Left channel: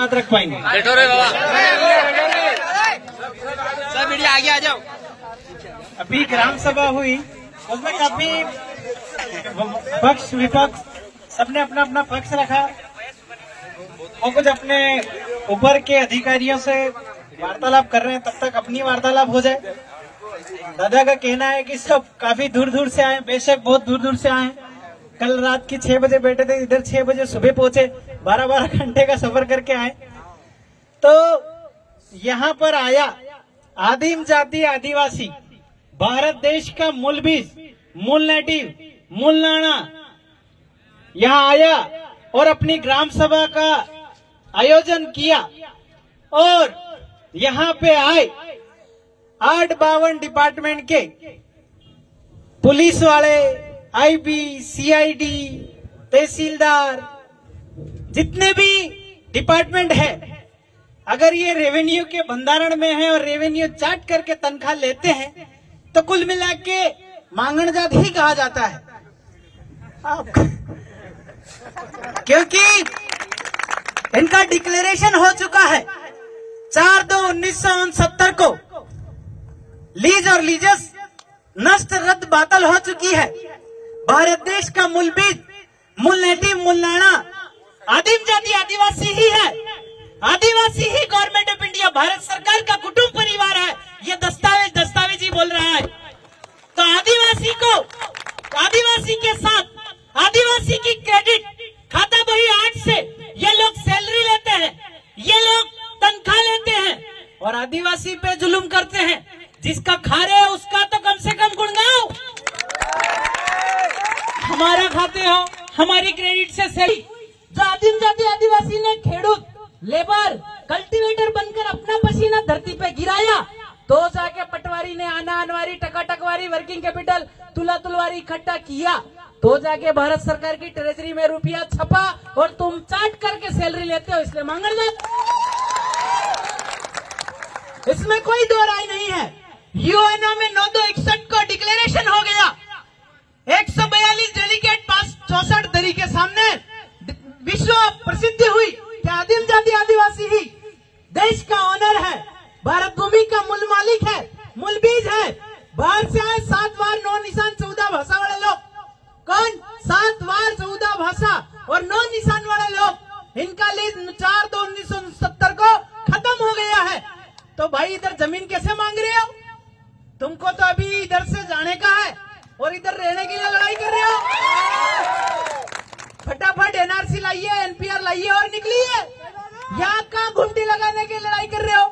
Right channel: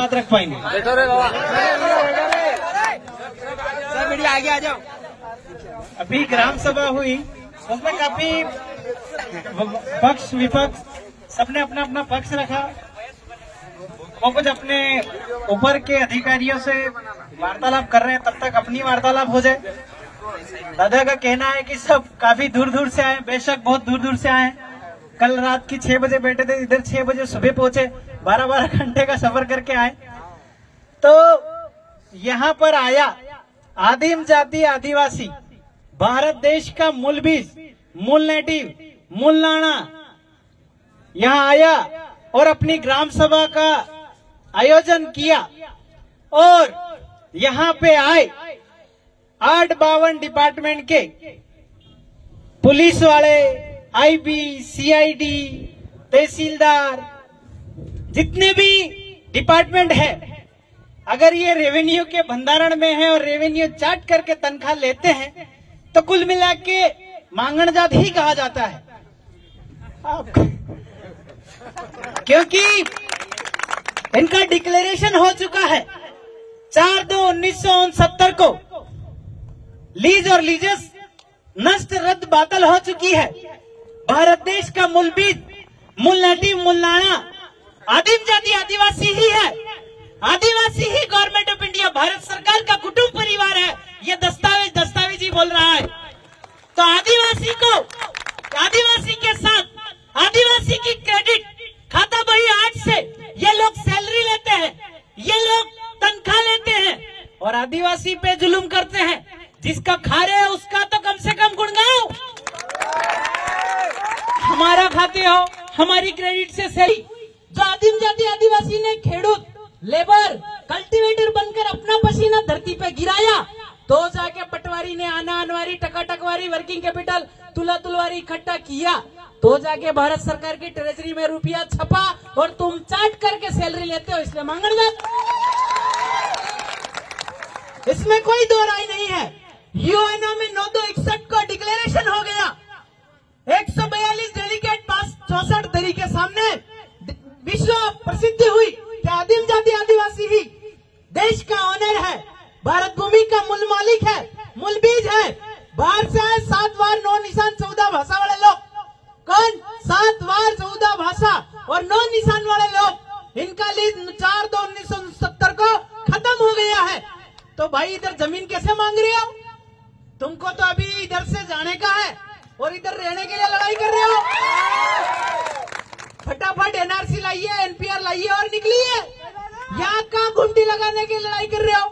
बात रख पाएंगे। बैठो रे बाबा, सब मीडिया आगे आ जाओ। अभी ग्राम सभा हुई, उसमें काफी पक्ष विपक्ष सबने अपना अपना पक्ष रखा और कुछ अपने ऊपर के अधिकारियों से वार्तालाप कर रहे हैं। तब तक अपनी वार्तालाप हो जाए। दादा का कहना है कि सब काफी दूर दूर से आए, बेशक बहुत दूर दूर से आए। कल रात की 6 बजे बैठे थे, इधर 6 बजे सुबह पहुंचे, 12-12 घंटे का सफर करके आए। तो यहाँ पर आया आदिम जाति आदिवासी, भारत देश का मूल बीज, मूल नेटिव, मूल नाना यहाँ आया और अपनी ग्राम सभा का आयोजन किया। और यहाँ पे आए 8-52 डिपार्टमेंट के पुलिस वाले, आईबी, सीआईडी, तहसीलदार, जितने भी डिपार्टमेंट है। अगर ये रेवेन्यू के भंडारण में है और रेवेन्यू चाट करके तनख्वाह लेते हैं तो कुल मिला के मांगण जात ही कहा जाता है। क्योंकि इनका डिक्लेरेशन हो चुका है 4/2/1969 को। लीज और लीजस नष्ट रद्द बातल हो चुकी है। भारत देश का मूल बीज, मूल नेटिव, मूल नाना आदिम जाति आदिवासी ही है। आदिवासी ही गवर्नमेंट ऑफ इंडिया, भारत सरकार का कुटुंब परिवार है। ये दस्तावेज ही बोल रहा है। तो आदिवासी को, आदिवासी के साथ आदिवासी की क्रेडिट खाता बही 8 से ये लोग सैलरी लेते हैं, ये लोग तनख्वाह लेते हैं और आदिवासी पे जुल्म करते हैं। जिसका खा रहे हो उसका तो कम से कम गुणगाओ। हमारा खाते हो, हमारी क्रेडिट से सही। जो आदिम जाति आदिवासी ने खेडूत, लेबर, कल्टीवेटर बनकर अपना पसीना धरती पे गिराया, तो जाके पटवारी ने आना अनवारी, टका टकवारी, वर्किंग कैपिटल, तुला तुलवारी इकट्ठा किया, तो जाके भारत सरकार की ट्रेजरी में रुपया छपा और तुम चाट करके सैलरी लेते हो, इसमें मांगण जात, इसमें कोई दो राय नहीं है। यूएनओ में 9/2/61 को डिक्लेरेशन हो गया। 142 डेलीगेट पास 64 दरी के सामने विश्व प्रसिद्धि हुई कि आदिम जाति आदिवासी ही देश का ऑनर है, भारत भूमि का मूल मालिक है, मूल बीज है। बाहर से आए 7 वार 9 निशान 14 भाषा वाले लोग। कौन? 7 वार 14 भाषा और 9 निशान वाले लोग। इनका लीज 4/2/1969 को खत्म हो गया है। तो भाई इधर जमीन कैसे मांग रहे हो? तुमको तो अभी इधर से जाने का है और इधर रहने के लिए लड़ाई कर रहे हो। फटाफट एनआरसी लाइए, एनपीआर लाइए और निकलिए। यहाँ का घुमटी लगाने की लड़ाई कर रहे हो।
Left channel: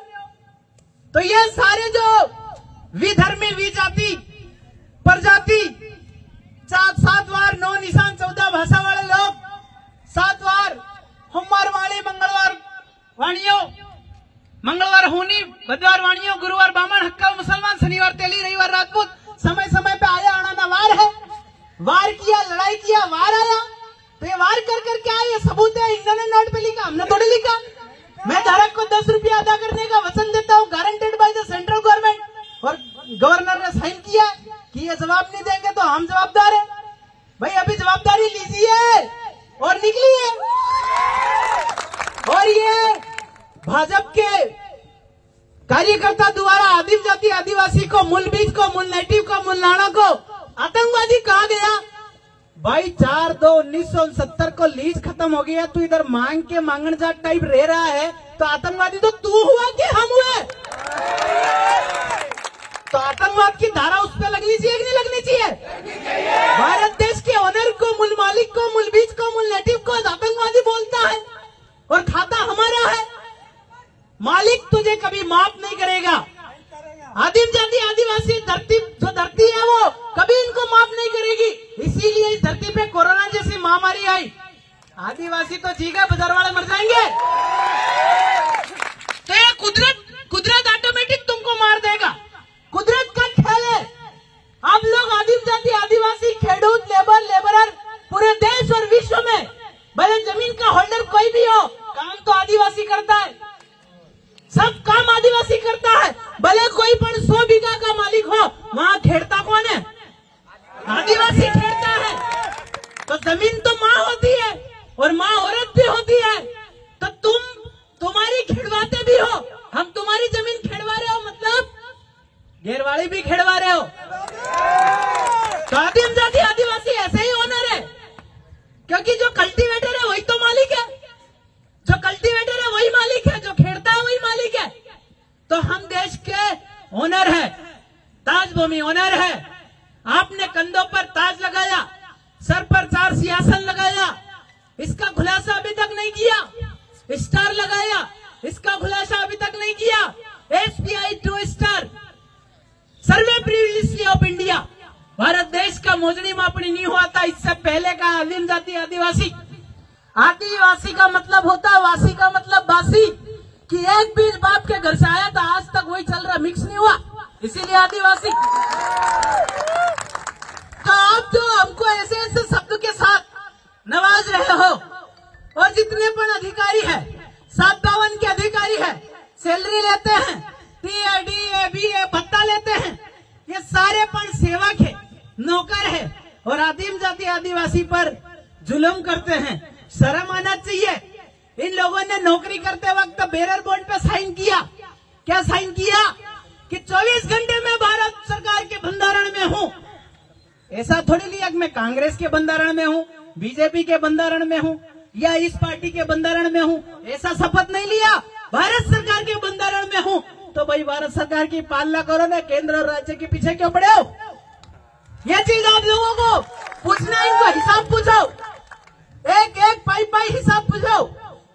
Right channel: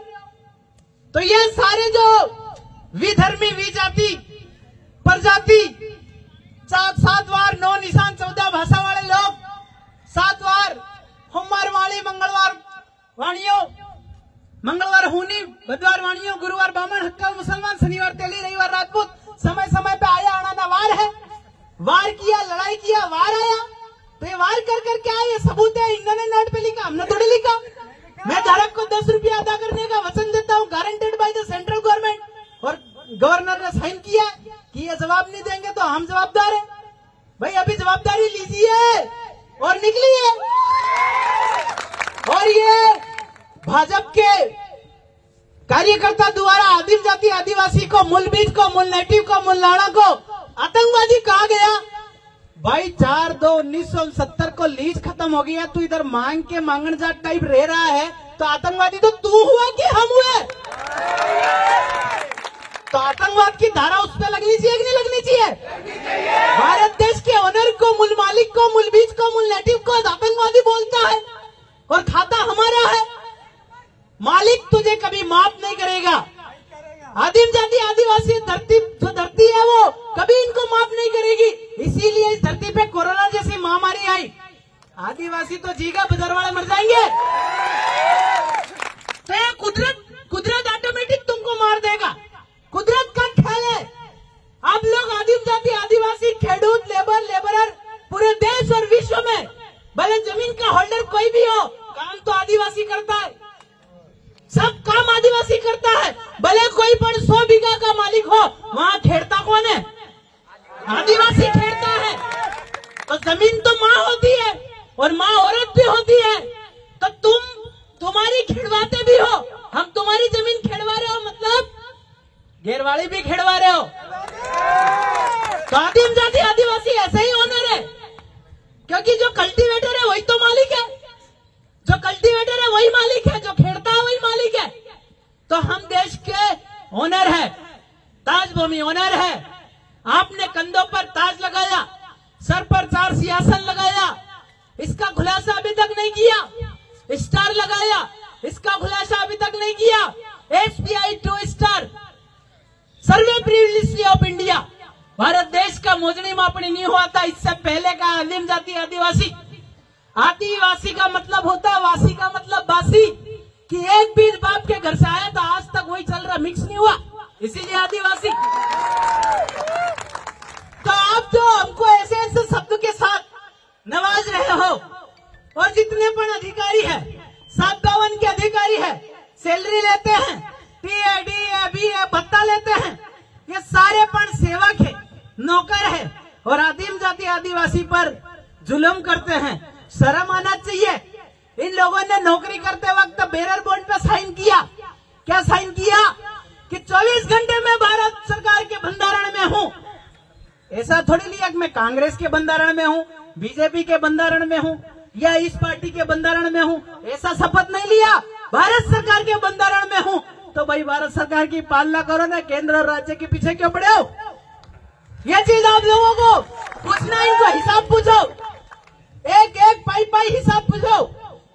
तो ये सारे जो विधर्मी, विजाति, प्रजाति, 7 वार 9 निशान 14 भाषा वाले लोग, 7 वार सोमवार वाणी, मंगलवार वाणियों, मंगलवार होनी, बुधवार वाणियों, गुरुवार बामन, हक्का मुसलमान, शनिवार तेली, रविवार राजपूत। समय समय पे आया आना वार है। वार किया, लड़ाई किया, वार आया। तो ये वार कर करके आया, ये सबूत है। इन्होंने नोट पे लिखा, हमने थोड़ी लिखा। मैं धारक को 10 रुपया अदा करने का वचन देता हूँ, guaranteed by the central government, और गवर्नर ने साइन किया कि ये जवाब नहीं देंगे तो हम जवाबदार है। भाई अभी जवाबदारी लीजिए और निकलिए। और ये भाजपा के कार्यकर्ता द्वारा आदिम जाति आदिवासी को, मूल बीज को, मूल नेटिव को, मूल नाना को आतंकवादी कहा गया। भाई 4/2/1969 को लीज खत्म हो गया, तू इधर मांग के मांगण जाट टाइप रह रहा है, तो आतंकवादी तो तू हुआ कि हम हुए? तो आतंकवाद की धारा उस पर लगनी चाहिए कि नहीं लगनी चाहिए? भारत देश के ओनर को, मूल मालिक को, मूल बीज को, मूल नेटिव को आतंकवादी बोलता है और खाता हमारा है। मालिक तुझे कभी माफ नहीं करेगा। आदिम जाति आदिवासी धरती, जो धरती है वो कभी इनको माफ नहीं करेगी। इसीलिए इस धरती पे कोरोना जैसी महामारी आई। आदिवासी तो जीगा, बाजार वाले मर जाएंगे। तो ये कुदरत ऑटोमेटिक तुमको मार देगा। कुदरत का खेल है। आप लोग आदिम जाति आदिवासी, खेडूत, लेबरर पूरे देश और विश्व में, भले जमीन का होल्डर कोई भी हो, काम तो आदिवासी करता है। सब काम आदिवासी करता है। भले कोई पण 100 बीघा का मालिक हो, वहाँ खेड़ता कौन है? आदिवासी खेड़ता है। तो जमीन तो माँ होती है और माँ औरत भी होती है। तो खेड़वाते भी हो, हम तुम्हारी जमीन खेड़वा रहे हो मतलब घेरवाड़ी भी खेड़वा रहे हो। तो आदिम जाति आदिवासी ऐसे ही ओनर है, क्योंकि जो कल्टीवेटर है वही तो मालिक है, जो कल्टीवेटर है वही मालिक है, जो खेड़ता है वही मालिक है। तो हम देश के ओनर है, ताज भूमि ओनर है। आपने कंधों पर ताज लगाया, सर पर 4 सिंहासन लगाया, इसका खुलासा अभी तक नहीं किया। स्टार लगाया, इसका खुलासा अभी तक नहीं किया। SBI 2 star survey privilege of India, Bharat देश का मोजनी मापनी नहीं हुआ था इससे पहले का। आदिम जाति आदिवासी, आदिवासी का मतलब होता है वासी का मतलब बासी, कि एक बीज बाप के घर से आया था आज तक वही चल रहा, मिक्स नहीं हुआ, इसीलिए आदिवासी। तो आप जो हमको ऐसे ऐसे शब्द के साथ नवाज रहे हो, और जितने पण अधिकारी है 752 के अधिकारी है, सैलरी लेते हैं, TA, DA, BA भत्ता लेते हैं, ये सारे पण सेवक है, नौकर है, और आदिम जाति आदिवासी पर जुल्म करते हैं। शर्म आना चाहिए। इन लोगों ने नौकरी करते वक्त बेरर बॉन्ड पे साइन किया। क्या साइन किया? कि 24 घंटे में भारत सरकार के बंधारण में हूं। ऐसा थोड़ी लिया कि मैं कांग्रेस के बंधारण में हूं, बीजेपी के बंधारण में हूं, या इस पार्टी के बंधारण में हूं। ऐसा शपथ नहीं लिया, भारत सरकार के बंधारण में हूं। तो भाई भारत सरकार की पालना करो ना, केंद्र और राज्य के पीछे क्यों पड़े हो? ये चीज आप लोगों को पूछना, इनको हिसाब पूछो, एक एक पाई हिसाब पूछो।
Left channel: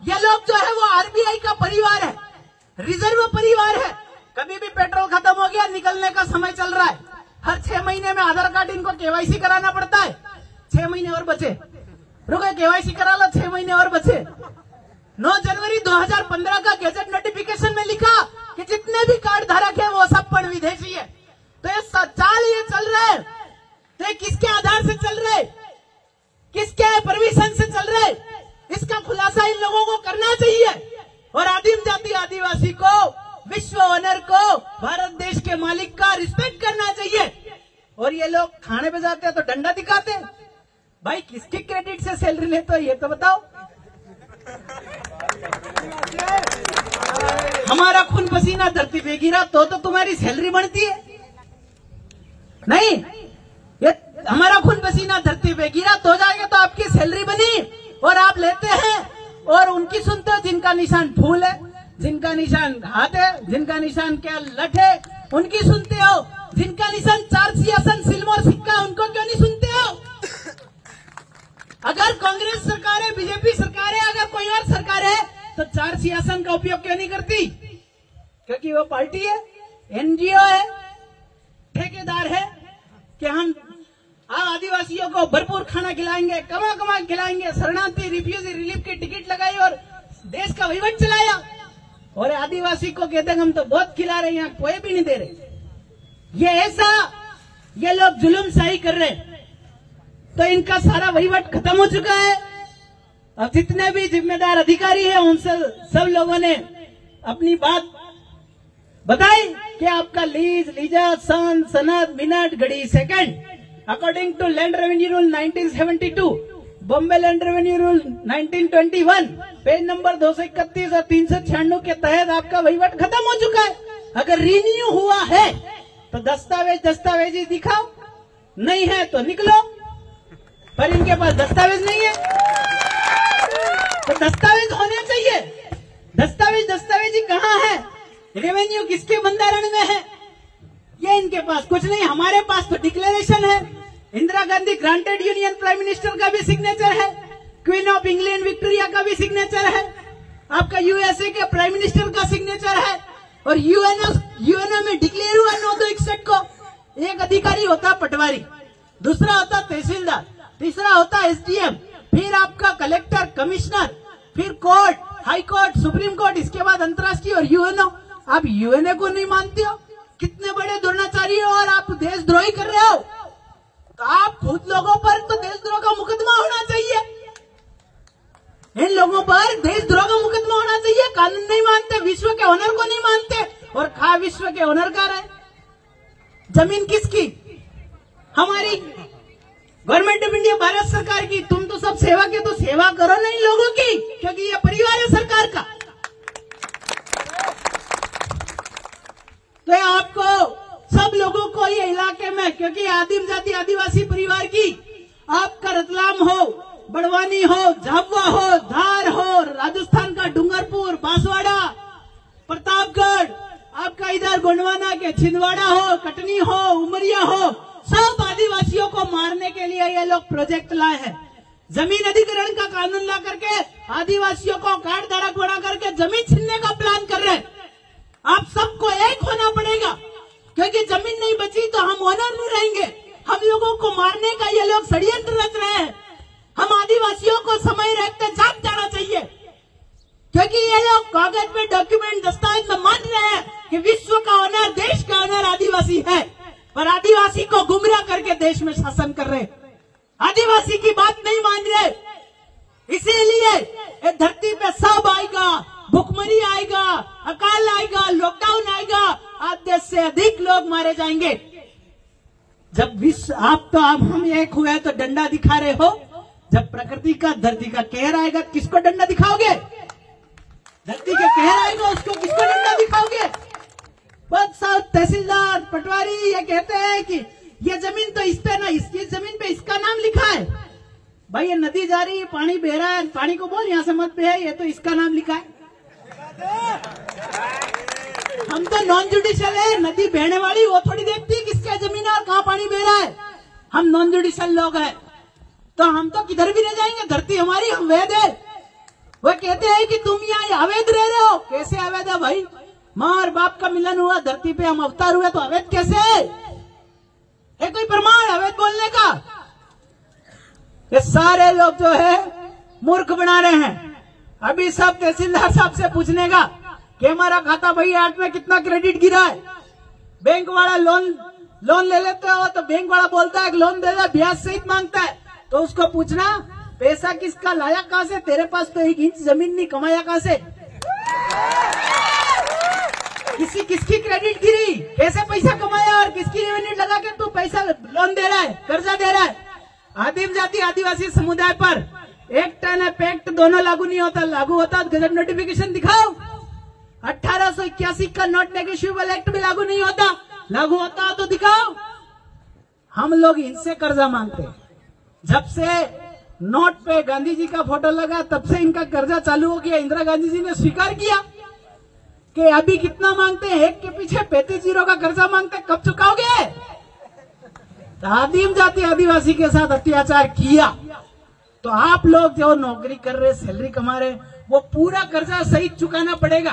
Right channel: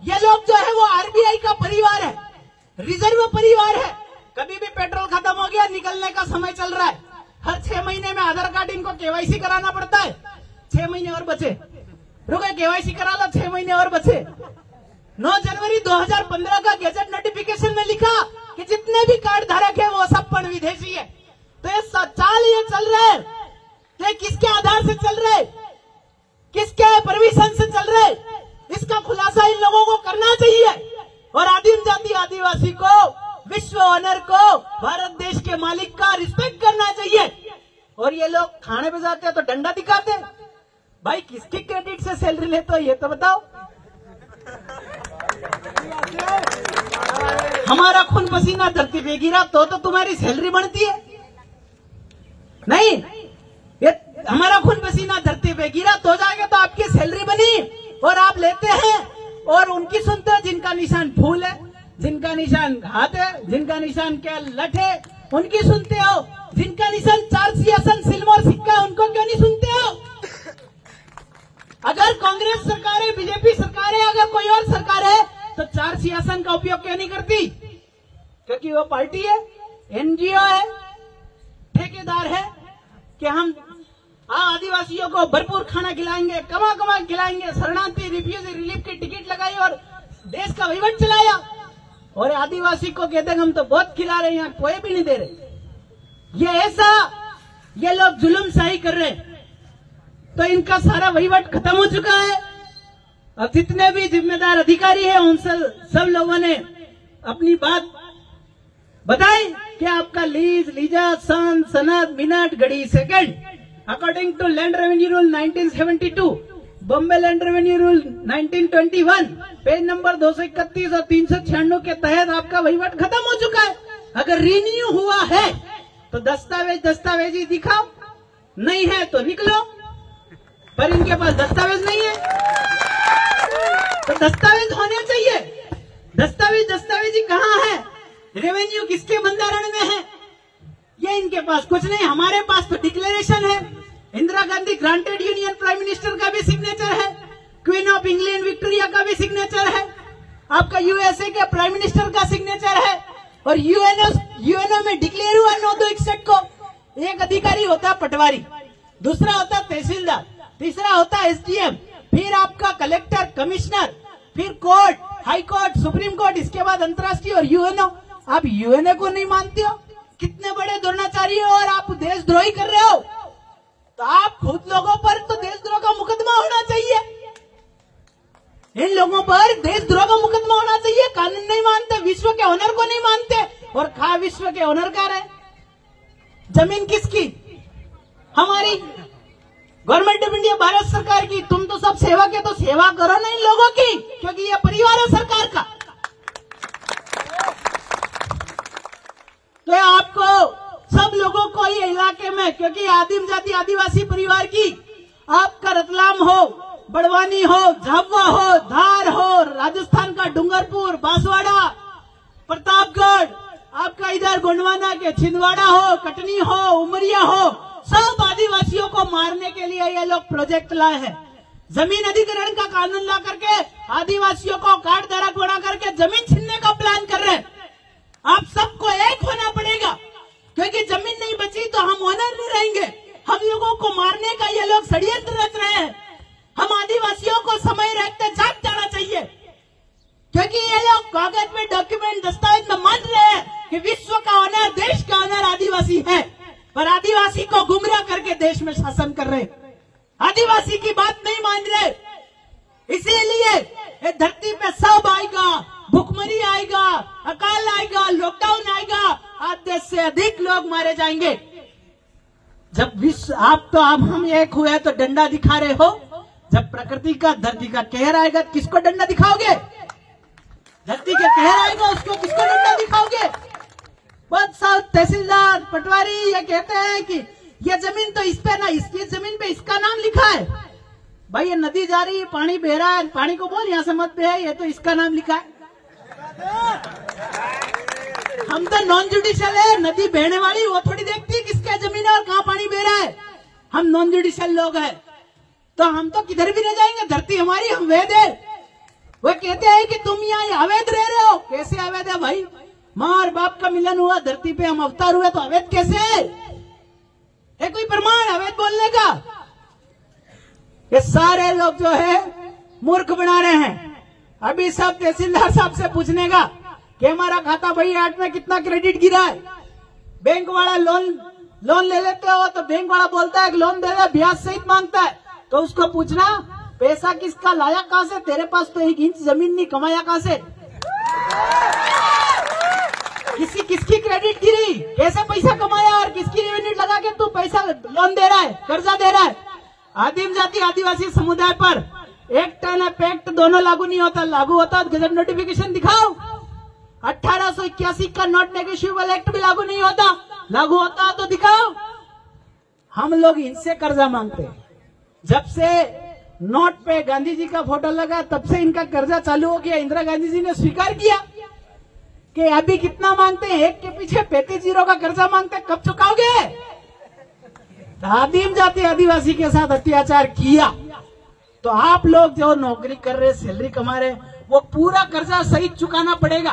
ये लोग जो है वो RBI का परिवार है, रिजर्व परिवार है। कभी भी पेट्रोल खत्म हो गया, निकलने का समय चल रहा है, हर 6 महीने में आधार कार्ड इनको KYC कराना पड़ता है। 6 महीने और बचे, रुको KYC करा लो, 6 महीने और बचे। 9 जनवरी 2015 का गैजेट नोटिफिकेशन में लिखा कि जितने भी कार्ड धारक है वो सब पण विदेशी है। तो ये चाल ये चल रहा है, तो ये किसके आधार से चल रहे, किसके परमिशन से चल रहे, इसका खुलासा इन लोगों को करना चाहिए। और आदिम जाति आदिवासी को, विश्व ओनर को, भारत देश के मालिक का रिस्पेक्ट करना चाहिए। और ये लोग खाने पे जाते हैं तो डंडा दिखाते हैं। भाई किसके क्रेडिट से सैलरी लेते हो ये तो बताओ। हमारा खून पसीना धरती पे गिरा तो तुम्हारी सैलरी बनती है? नहीं, ये हमारा खून पसीना धरती पे गिरा तो जाएगा तो आपकी सैलरी बनी। और आप लेते हैं और उनकी सुनते हैं जिनका निशान फूल है, जिनका निशान हाथ है, जिनका निशान क्या लठ है, उनकी सुनते हो। जिनका निशान 4 सिंहासन सिल्वर सिक्का, उनको क्यों नहीं सुनते हो? अगर कांग्रेस सरकार है, बीजेपी सरकार है, अगर कोई और सरकार है तो 4 सिंहासन का उपयोग क्यों नहीं करती? क्योंकि वो पार्टी है, NGO है, ठेकेदार है कि हम आदिवासियों को भरपूर खाना खिलाएंगे, कमा खिलाएंगे, शरणार्थी रिफ्यूजी रिलीफ की टिकट लगाई और देश का वहीवट चलाया। और आदिवासी को कहते हैं हम तो बहुत खिला रहे हैं, यहाँ कोई भी नहीं दे रहे। ये ऐसा ये लोग जुल्मशाही कर रहे हैं, तो इनका सारा वहीवट खत्म हो चुका है। अब जितने भी जिम्मेदार अधिकारी हैं उन सब लोगों ने अपनी बात बताई कि आपका लीज, लीजा, सन, सनद, मिनट, घड़ी, second according to land revenue rule 1972, Bombay land revenue rule 1921, page number 231 और 396 के तहत आपका वहीवट खत्म हो चुका है। अगर रिन्यू हुआ है तो दस्तावेज ही दिखाओ, नहीं है तो निकलो। पर इनके पास दस्तावेज नहीं है, तो दस्तावेज होने चाहिए। दस्तावेज ही कहाँ है? रेवेन्यू किसके बंधारण में है? ये इनके पास कुछ नहीं। हमारे पास तो डिक्लेरेशन है, Indira Gandhi granted union prime minister का भी सिग्नेचर है, क्वीन ऑफ इंग्लैंड विक्टोरिया का भी सिग्नेचर है, आपका USA के प्राइम मिनिस्टर का सिग्नेचर है, और यूएनओ में डिक्लेयर हुआ 9/261 को। एक अधिकारी होता है पटवारी, दूसरा होता है तहसीलदार, तीसरा होता है SDM, फिर आपका कलेक्टर, कमिश्नर, फिर court, high court, supreme court, इसके बाद अंतर्राष्ट्रीय और यूएनओ। आप यूएनओ को नहीं मानते हो? कितने बड़े दुर्नाचारी हो और आप देशद्रोही कर रहे हो। तो आप खुद लोगों पर तो देशद्रोह का मुकदमा होना चाहिए, इन लोगों पर देशद्रोह का मुकदमा होना चाहिए। कानून नहीं मानते, विश्व के ऑनर को नहीं मानते, और खा विश्व के ऑनर का रहे। जमीन किसकी? हमारी गवर्नमेंट ऑफ इंडिया, भारत सरकार की। तुम तो सब सेवक है, तो सेवा करो ना इन लोगों की, क्योंकि ये परिवार है सरकार का। मैं, क्योंकि आदिम जाति आदिवासी परिवार की आपका रतलाम हो, बड़वानी हो, झाबुआ हो, धार हो, राजस्थान का डूंगरपुर, बांसवाड़ा, प्रतापगढ़, आपका इधर गोंडवाना के छिंदवाड़ा हो, कटनी हो, उमरिया हो, सब आदिवासियों को मारने के लिए ये लोग प्रोजेक्ट लाए हैं। जमीन अधिग्रहण का कानून ला करके आदिवासियों को कार्ड धारक बना करके जमीन छीनने का प्लान कर रहे हैं। आप सबको एक होना पड़ेगा, क्योंकि जमीन नहीं बची तो हम ओनर नहीं रहेंगे। हम लोगों को मारने का ये लोग षड्यंत्र रच रहे हैं। हम आदिवासियों को समय रहते जाग जाना चाहिए, क्योंकि ये लोग कागज में डॉक्यूमेंट दस्तावेज में मान रहे हैं कि विश्व का ऑनर, देश का ऑनर आदिवासी है, पर आदिवासी को गुमराह करके देश में शासन कर रहे हैं। आदिवासी की बात नहीं मान रहे, इसीलिए ये धरती पे सब आएगा, भुखमरी आएगा, अकाल आएगा, लॉकडाउन आएगा, आधे से अधिक लोग मारे जाएंगे। जब विश्व आप तो अब हम एक हुए तो डंडा दिखा रहे हो, जब प्रकृति का धरती का कहर आएगा किसको डंडा दिखाओगे? धरती का कहर आएगा उसको किसको डंडा दिखाओगे? बहुत सारे तहसीलदार पटवारी ये कहते हैं कि ये जमीन तो इस पे ना, इसकी जमीन पे इसका नाम लिखा है। भाई ये नदी जा रही है, पानी बह रहा है, पानी को बोल यहाँ से मत बहे, ये तो इसका नाम लिखा है। हम तो नॉन जुडिशियल है, नदी बहने वाली वो थोड़ी देखती है किसके जमीन है और कहाँ पानी बह रहा है। हम नॉन जुडिशियल लोग हैं, तो हम तो किधर भी रह जाएंगे, धरती हमारी, हम वैध है। वो कहते हैं कि तुम यहाँ अवैध रह रहे हो। कैसे अवैध है भाई? माँ और बाप का मिलन हुआ, धरती पे हम अवतार हुए, तो अवैध कैसे है? ये कोई प्रमाण अवैध बोलने का? ये सारे लोग जो है मूर्ख बना रहे हैं। अभी सब तहसीलदार साहब से पूछने का कि हमारा खाता भाई 8 में कितना क्रेडिट गिरा है। बैंक वाला लोन ले लेते हो तो बैंक वाला बोलता है कि लोन दे रहा, ब्याज सहित मांगता है, तो उसको पूछना पैसा किसका लाया कहां से? तेरे पास तो 1 इंच जमीन नहीं, कमाया कहां से? किसकी क्रेडिट गिरी, कैसे पैसा कमाया और किसकी रेवेन्यू लगा के तू पैसा लोन दे रहा है, कर्जा दे रहा है? आदिम जाति आदिवासी समुदाय पर एक टन एक्ट दोनों लागू नहीं होता। लागू होता तो गजट नोटिफिकेशन दिखाओ। 1881 का नॉट नेगोशिएबल एक्ट भी लागू नहीं होता, लागू होता तो दिखाओ। हम लोग इनसे कर्जा मांगते हैं। जब से नोट पे गांधी जी का फोटो लगा तब से इनका कर्जा चालू हो गया। इंदिरा गांधी जी ने स्वीकार किया कि अभी कितना मांगते हैं, एक के पीछे 35 जीरो का कर्जा मांगते हैं, कब चुकाओगे? आदिम जाति आदिवासी के साथ अत्याचार किया तो आप लोग जो नौकरी कर रहे, सैलरी कमा रहे, वो पूरा कर्जा सहित चुकाना पड़ेगा,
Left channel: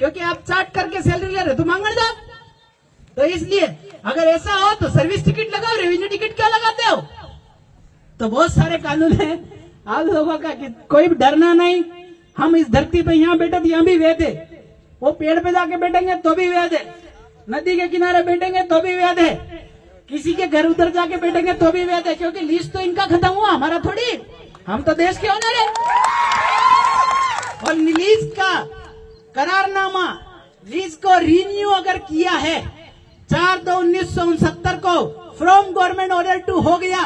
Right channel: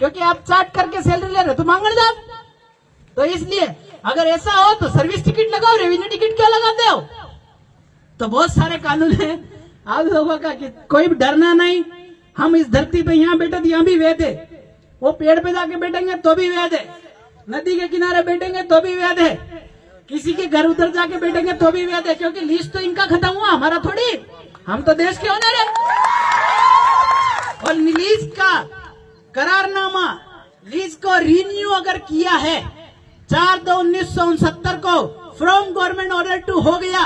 क्योंकि आप चाट करके सैलरी ले रहे तो मांगने जाओ। तो इसलिए अगर ऐसा हो तो सर्विस टिकट लगाओ, रेवेन्यू टिकट क्यों लगाते हो? तो बहुत सारे कानून है आप लोगों का कि कोई डरना नहीं। हम इस धरती पे यहाँ बैठे तो यहाँ भी वैध है, वो पेड़ पे जाके बैठेंगे तो भी वैध है, नदी के किनारे बैठेंगे तो भी वैध है, किसी के घर उधर जाके बैठेंगे तो भी वैध है, क्योंकि लीज तो इनका खत्म हुआ, हमारा थोड़ी। हम तो देश के ओनर है। और लीज का करारनामा, लीज को रिन्यू अगर किया है 4/2/1969 को फ्रॉम गवर्नमेंट ऑर्डर टू हो गया,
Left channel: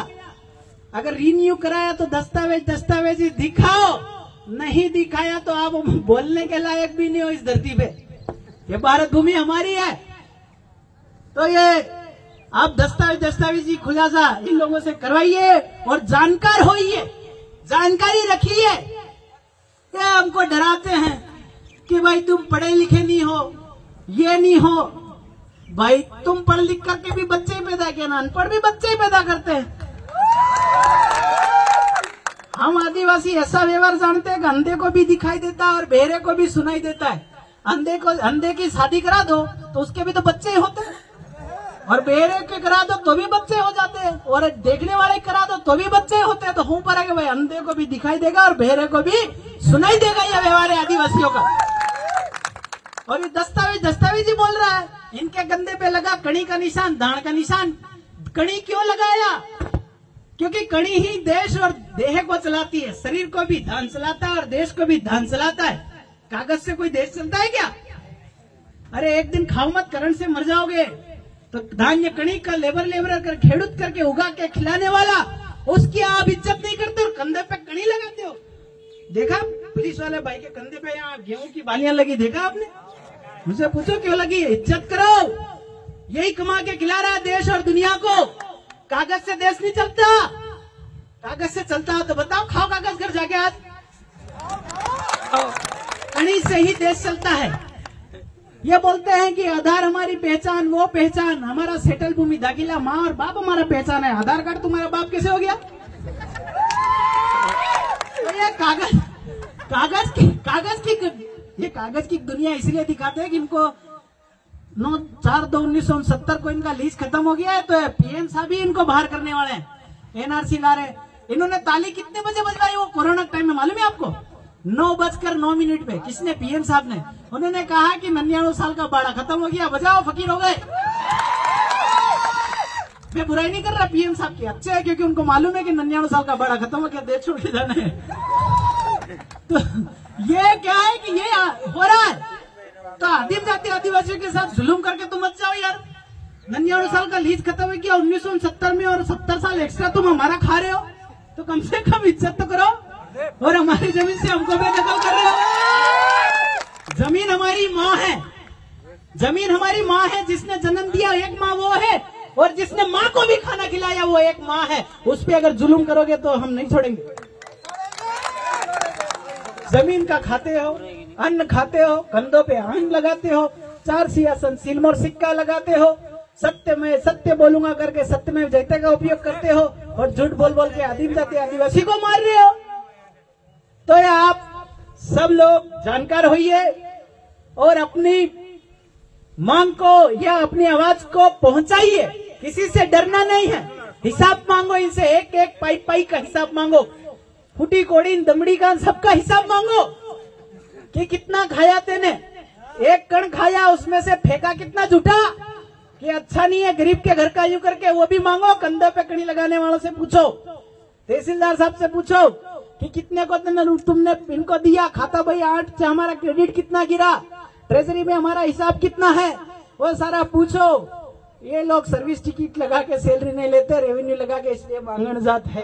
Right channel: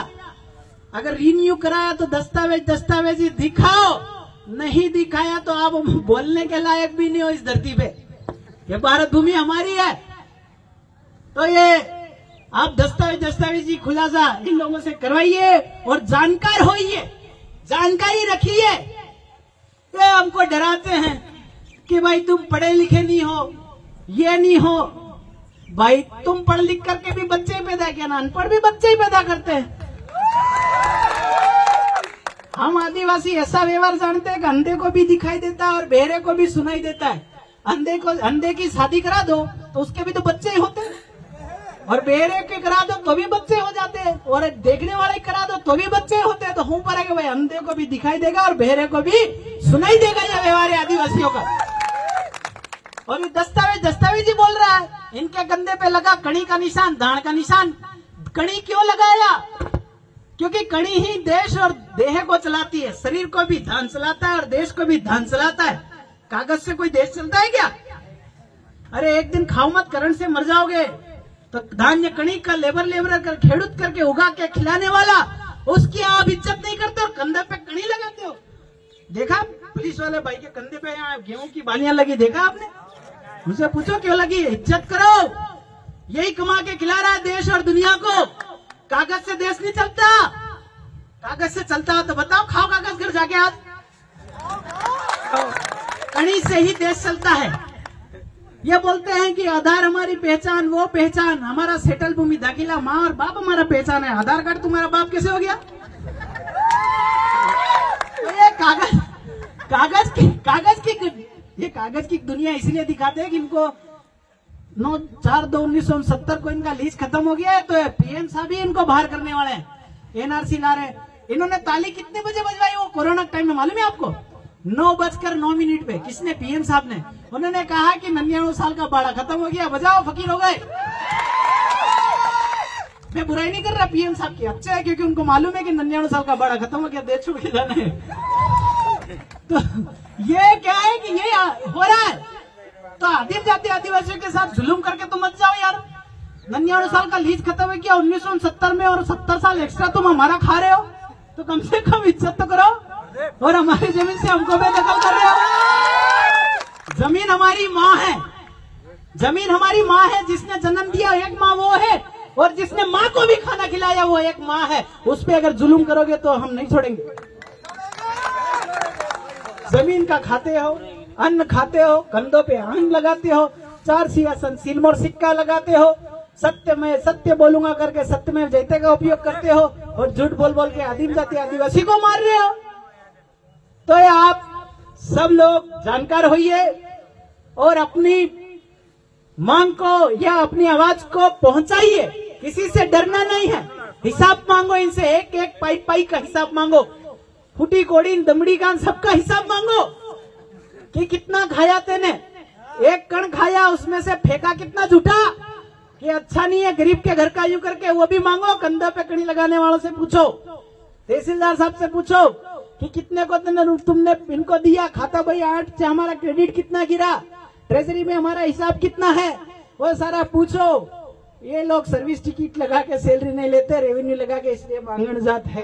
अगर रिन्यू कराया तो दस्तावेज ही दिखाओ, नहीं दिखाया तो आप बोलने के लायक भी नहीं हो इस धरती पे। ये भारत भूमि हमारी है। तो ये आप दस्तावेजी खुलासा इन लोगों से करवाइए और जानकार होइए, जानकारी रखिए। ये हमको डराते हैं कि भाई तुम पढ़े लिखे नहीं हो, ये नहीं हो। भाई तुम पढ़ लिख करके भी बच्चे ही पैदा किया ना, अनपढ़ भी बच्चे ही पैदा करते हैं। हम आदिवासी ऐसा व्यवहार जानते हैं कि अंधे को भी दिखाई देता है और बहरे को भी सुनाई देता है। अंधे की शादी करा दो तो उसके भी तो बच्चे ही होते हैं, और बहरे के करा दो तो भी बच्चे हो जाते हैं, और देखने वाले करा दो तो भी बच्चे होते हैं। तो हूं पर है कि भाई अंधे को भी दिखाई देगा और बहरे को भी सुनाई देगा। यह व्यवहार है आदिवासियों का। और ये दस्तावेज ही बोल रहा है, इनके गंदे पे लगा कड़ी का निशान, दाण का निशान। कड़ी क्यों लगाया? क्योंकि कड़ी ही देश और देह को चलाती है, शरीर को भी धान चलाता है और देश को भी धान चलाता है। कागज से कोई देश चलता है क्या? अरे एक दिन खाओ मत, करंट से मर जाओगे। तो धान्य कणी का लेबर कर खेड़ूत करके उगा के खिलाने वाला, उसकी आप इज्जत नहीं करते और कंधे पे कणी लगाते हो। देखा पुलिस वाले भाई के कंधे पे यहाँ गेहूं की बालियां लगी, देखा आपने? मुझे पूछो क्यों लगी? इज्जत करो। यही कमा के खिला रहा है देश और दुनिया को। कागज से देश नहीं चलता। कागज से चलता हो तो बताओ, खाओ कागज घर जाके आज। कड़ी से ही देश चलता है। ये बोलते हैं कि आधार हमारी पहचान, वो पहचान, हमारा सेटल भूमि दाखिला, माँ और बाप हमारा पहचान है। आधार कार्ड तुम्हारा बाप कैसे हो गया? तो ये कागज की दुनिया इसलिए दिखाते हैं कि इनको 9/4/1969 को इनका लीज खत्म हो गया है, तो पीएम साहब ही इनको बाहर करने वाले हैं, एनआरसी ला रहे। इन्होंने ताली कितने बजे बजवाई वो कोरोना टाइम में, मालूम है आपको? 9:09 पे। किसने? पीएम साहब ने। उन्होंने कहा कि 99 साल का बाड़ा खत्म हो गया, बजाओ, फकीर हो गए। मैं बुराई नहीं कर रहा पीएम साहब की, अच्छे है, क्योंकि उनको मालूम है कि 99 साल का बाड़ा खत्म हो गया, देश छोड़ के जाना है। तो ये क्या है कि ये हो रहा है। तो आदिम जाति आदिवासियों के साथ जुलूम करके तुम मत जाओ यार। 99 साल का लीज खत्म हो गया 1969 में, और 70 साल एक्स्ट्रा तुम हमारा खा रहे हो, तो कम से कम इज्जत तो करो। और हमारी जमीन से हमको बेदखल कर रहे हो। जमीन हमारी माँ है, जमीन हमारी माँ है। जिसने जन्म दिया एक माँ वो है, और जिसने माँ को भी खाना खिलाया वो एक माँ है। उस पर अगर जुलूम करोगे तो हम नहीं छोड़ेंगे। जमीन का खाते हो, अन्न खाते हो, कंधों पे अन्न लगाते हो, 4 सिंहासन सिलमोर सिक्का लगाते हो, सत्य में सत्य बोलूंगा करके सत्य में जयते का उपयोग करते हो, और झूठ बोल बोल के आदिम जाति आदिवासी को मार रहे हो। तो ये आप सब लोग जानकार होइए और अपनी मांग को या अपनी आवाज को पहुंचाइए। किसी से डरना नहीं है। हिसाब मांगो इनसे, एक एक पाई पाई का हिसाब मांगो, फूटी कोड़ी दमड़ी कान सबका हिसाब मांगो कि कितना खाया तेने, एक कण खाया उसमें से फेंका कितना झूठा, कि अच्छा नहीं है गरीब के घर का यूं करके, वो भी मांगो। कंधे पे कड़ी लगाने वालों से पूछो, तहसीलदार साहब से पूछो कि कितने को तुमने इनको दिया, खाता भाई 8 से हमारा क्रेडिट कितना गिरा, ट्रेजरी में हमारा हिसाब कितना है, वो सारा पूछो। ये लोग सर्विस टिकट लगा के सैलरी नहीं लेते, रेवेन्यू लगा के, इसलिए मांगण जात है।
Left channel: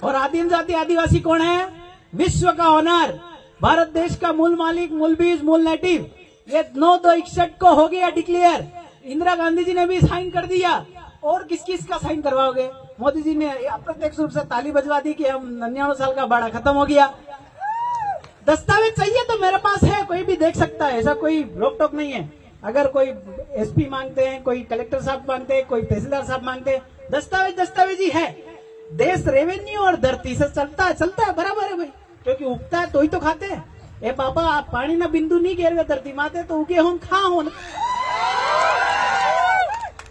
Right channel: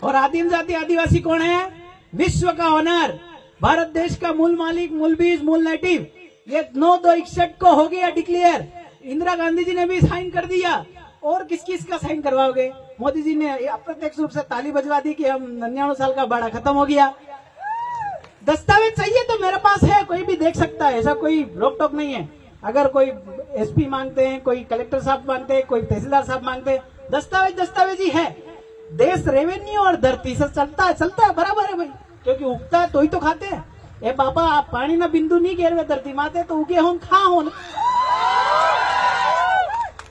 और आदिम जाति आदिवासी कौन है? विश्व का ऑनर, भारत देश का मूल मालिक, मूल बीज, मूल नेटिव। ये 9/2/61 को हो गया डिक्लेयर। इंदिरा गांधी जी ने भी साइन कर दिया। और किस किस का साइन करवाओगे? मोदी जी ने अप्रत्यक्ष रूप से ताली बजवा दी कि हम 99 साल का बाड़ा खत्म हो गया। दस्तावेज चाहिए तो मेरे पास है, कोई भी देख सकता है, ऐसा कोई रोक टोक नहीं है। अगर कोई एसपी मांगते हैं, कोई कलेक्टर साहब मांगते हैं, कोई तहसीलदार साहब मांगते हैं, दस्तावेज ही है। देश रेवेन्यू और धरती से चलता है बराबर है भाई, क्योंकि उगता है तो ही तो खाते हैं। ए बाबा, आप पानी में बिंदु नहीं घेर हुए धरती माते तो उगे हो खा हो।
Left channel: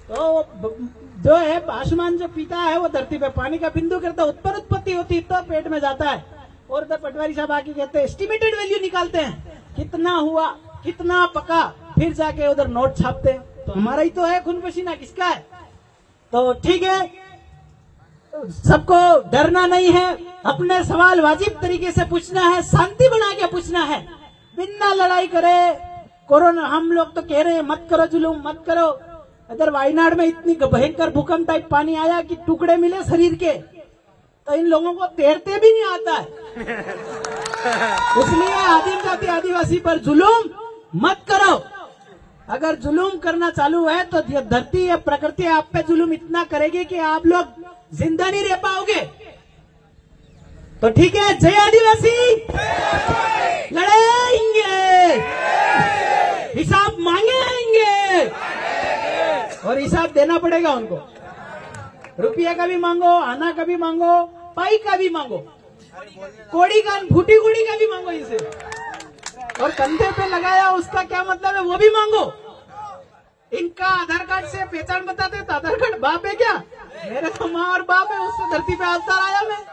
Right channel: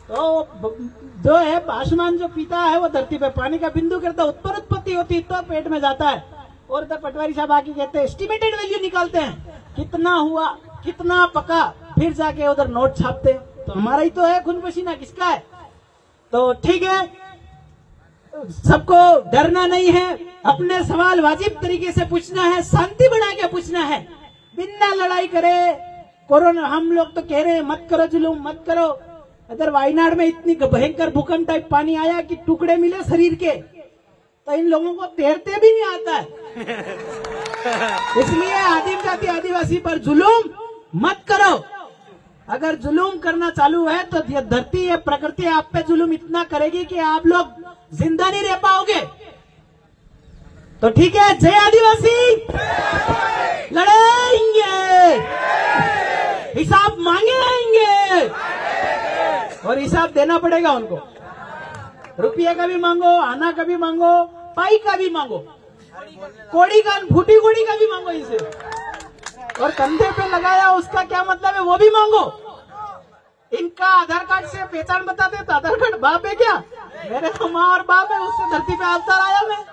तो जो है आसमान जो पीता है वो धरती पे पानी का बिंदु करता है, उत्पत्ति होती है तो पेट में जाता है। और तो पटवारी साहब आके कहते हैं, एस्टिमेटेड वैल्यू निकालते हैं, कितना हुआ, कितना पका, फिर जाके उधर नोट छापते हैं। तो हमारा ही तो है खून पसीना, किसका है? तो ठीक है, सबको डरना नहीं है, अपने सवाल वाजिब तरीके से पूछना है, शांति बना के पूछना है, बिना लड़ाई करे। कोरोना हम लोग तो कह रहे हैं मत करो जुलूम, मत करो। इधर वायनाड में इतनी भयंकर भूकंप टाइप पानी आया कि टुकड़े मिले शरीर के, तो इन लोगों को तैरते भी नहीं आता है। इसलिए आदिम जाति आदिवासी पर जुलूम मत करो। अगर जुलूम करना चालू है तो ये धरती है, प्रकृति आप पे जुलूम इतना करेगी कि आप लोग जिंदा नहीं रह पाओगे। तो ठीक है, जय आदिवासी, लड़ेंगे, हिसाब मांगेंगे, और हिसाब देना पड़ेगा उनको। रुपये का भी मांगो, आना का भी मांगो, पाई का भी मांगो, कोड़ी का, फूटी कोड़ी का भी मांगो इसे, और कंधे पे लगाया उसका क्या मतलब है वो भी मांगो। इनका आधार कार्ड से पहचान बताते तो आधार कार्ड बाप है क्या? मेरे तो माँ और बाप है, उससे धरती पे अवतार आया मैं।